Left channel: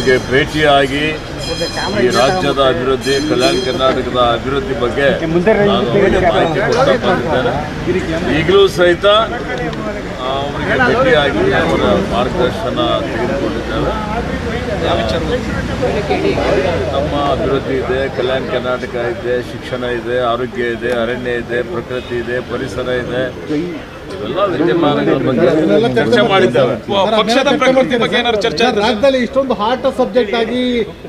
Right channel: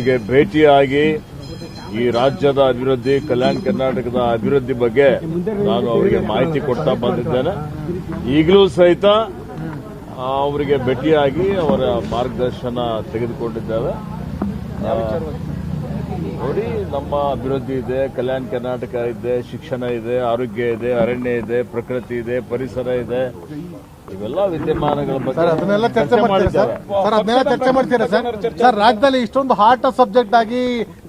ಅವ್ರಿಗೆ ಭೇಟಿಯಾಗಿ ಈ ರಾಜ್ಯದ ಅಭಿವೃದ್ಧಿ, ಕಲ್ಯಾಣ ಕರ್ನಾಟಕದ ಅಭಿವೃದ್ಧಿ ಬಗ್ಗೆ ನಾನು ಅವರಿಗೆ ಮಾಹಿತಿ ಕೊಡ್ತಾ ಬಂದಿದ್ದೇನೆ ಈಗಲೂ ಸಹಿತ ಅವರಿಗೆ ಭೇಟಿಯಾಗಿ ಅವರ ಮಾರ್ಗದರ್ಶನ ತೆಗೆದುಕೊಂಡಿದ್ದೇವೆ. ನಮ್ಮ ಅಭಿವೃದ್ಧಿ ಇದೆ, ಕಲ್ಯಾಣ ಕರ್ನಾಟಕ ಇದೆ, ಶಿಕ್ಷಣ ಇದೆ, ಆರೋಗ್ಯ ಇದೆ, ಅರಣ್ಯ ಇದೆ, ಪ್ರಕೃತಿ ಇದೆ, ಪರಿಸರ ಇದೆ. ರಾಜ್ಯದಲ್ಲಿ ಇಷ್ಟೊಂದು ಹಾಟ್ ಸಬ್ಜೆಕ್ಟ್ ಆಗಿ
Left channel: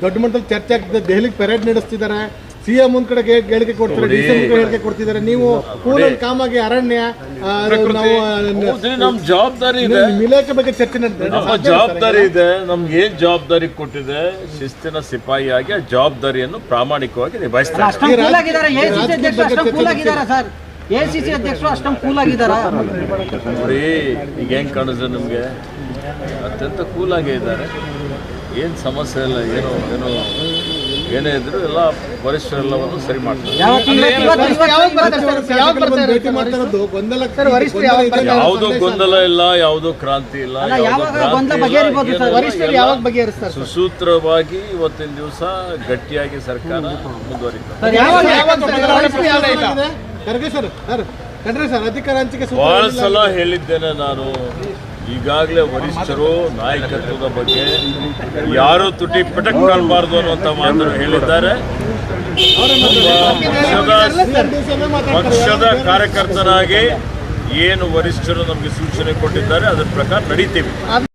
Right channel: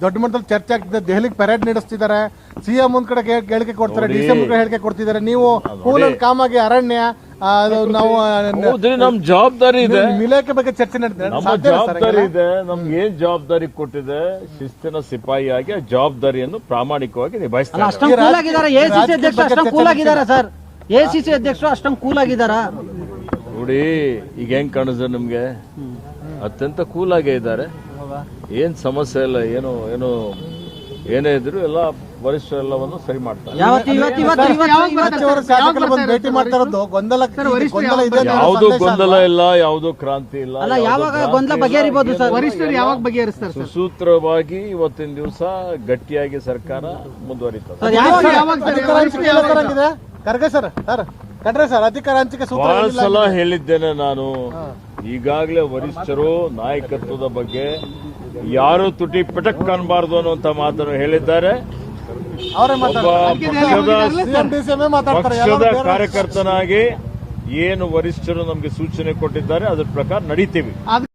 ದೊಡ್ಡ ಮಟ್ಟದಲ್ಲಿ ಚರ್ಚೆ ಆಗ್ತದೆ. ದೆಹಲಿಗೆ ಪೆರೇಡ್ ನಡೆಸ್ತಿದ್ದಾರೆ. ಸಿಎಂ ಒಂದ್ ಕಡೆ ಹೇಳಿಕೆ ಕೊಡ್ತಾರೆ ಡಿ ಸಿ ಹೇಳಿಕೆ ಕೊಡ್ತಿದ್ದಾರೆ. ನೀವು ಕೂಲ್ ಕಾಮಾಗಿ ಆಗಿ ಅರಣ್ಯ ನಾವು ಜವಾಬ್ದಾರಿ ಇದೆ. ಇಲಾಖೆ ಬಗ್ಗೆ ಚರ್ಚೆ ಜವಾಬ್ದಾರಿ ಇದೆ. ನಮ್ಗೆ ಏನ್ ಜವಾಬ್ದಾರಿ ಕೊಟ್ಟಿದೆ? ಶಿಸ್ತಿನ ಸಿಪಾಯಿಯಾಗಿ ಆ ಜವಾಬ್ದಾರಿಯನ್ನು ಪ್ರಾಮಾಣಿಕವಾಗಿ ನಿಭಾಯಿಸ್ತಾರೆ ಆಗಿದ್ದಾರೆ ಈ ಎಸಿಸಿ ಅಧ್ಯಕ್ಷರು ಅಷ್ಟೊಂದು ಕೂಲ್ ಆಗಿದ್ದಾರೆ? ನೋಡಿ ಈಗ ಹೆಂಗ್ ಕಾಣಿಸ್ತದೆ ನಿಮ್ಗೆ? ಅತ್ಯಂತ ಕೂಲ್ ಆಗೇ ಇದ್ದಾರೆ. ಏನ್ ಸಮಸ್ಯೆ ಇಲ್ಲ ಏನು ಏನು ಏನೇ ಇದ್ರು ಎಲ್ಲ ವರಿಷ್ಠರೆಲ್ಲವನ್ನು ಸರಿ ಮಾಡ್ತಾರೆ. ಯಾವುದೋ ಗೊಂದಲ ಇಲ್ಲ ಯಾವುದು ಕ್ರಾಂತಿ ಇಲ್ಲ ಸುಸೂತ್ರವಾಗಿ ಇವತ್ತಿನ ದಿವಸ ಗಟ್ಟಿಯಾಗಿ ಸರ್ಕಾರ ಮುಂದುವರಿತದೆ. Kharge sir sir Khandre sir ಅಧಿಕಾರ ಹಂಚಿಕೆ ಸೂತ್ರ ಬಹಳ ಏನಿಲ್ಲ. ಸಲ ಹೇಳಿದ್ದೇನೆ ನಾನು. ಈಗಾಗಲೇ ವರಿಷ್ಠರು ನಾಯಕತ್ವದ ಬಗ್ಗೆ ಯಾರು ತುಟಿ ಪಟಕ್ ಕಾಣಬಾರ್ದು ಅನ್ನುವಂಥ ಮಾತನ್ನು ಹೇಳಿದ್ದಾರೆ. ಅವರೇ. ಪಕ್ಷದ ಕಾರ್ಯಕರ್ತನಾಗಿ ಏನು ವರಿಷ್ಠರು ನಮಗೆ ಸೂಚನೆ ಕೊಟ್ಟಿದ್ದಾರೆ ಅದರ ಪ್ರಕಾರ ನಡೀತೀವಿ.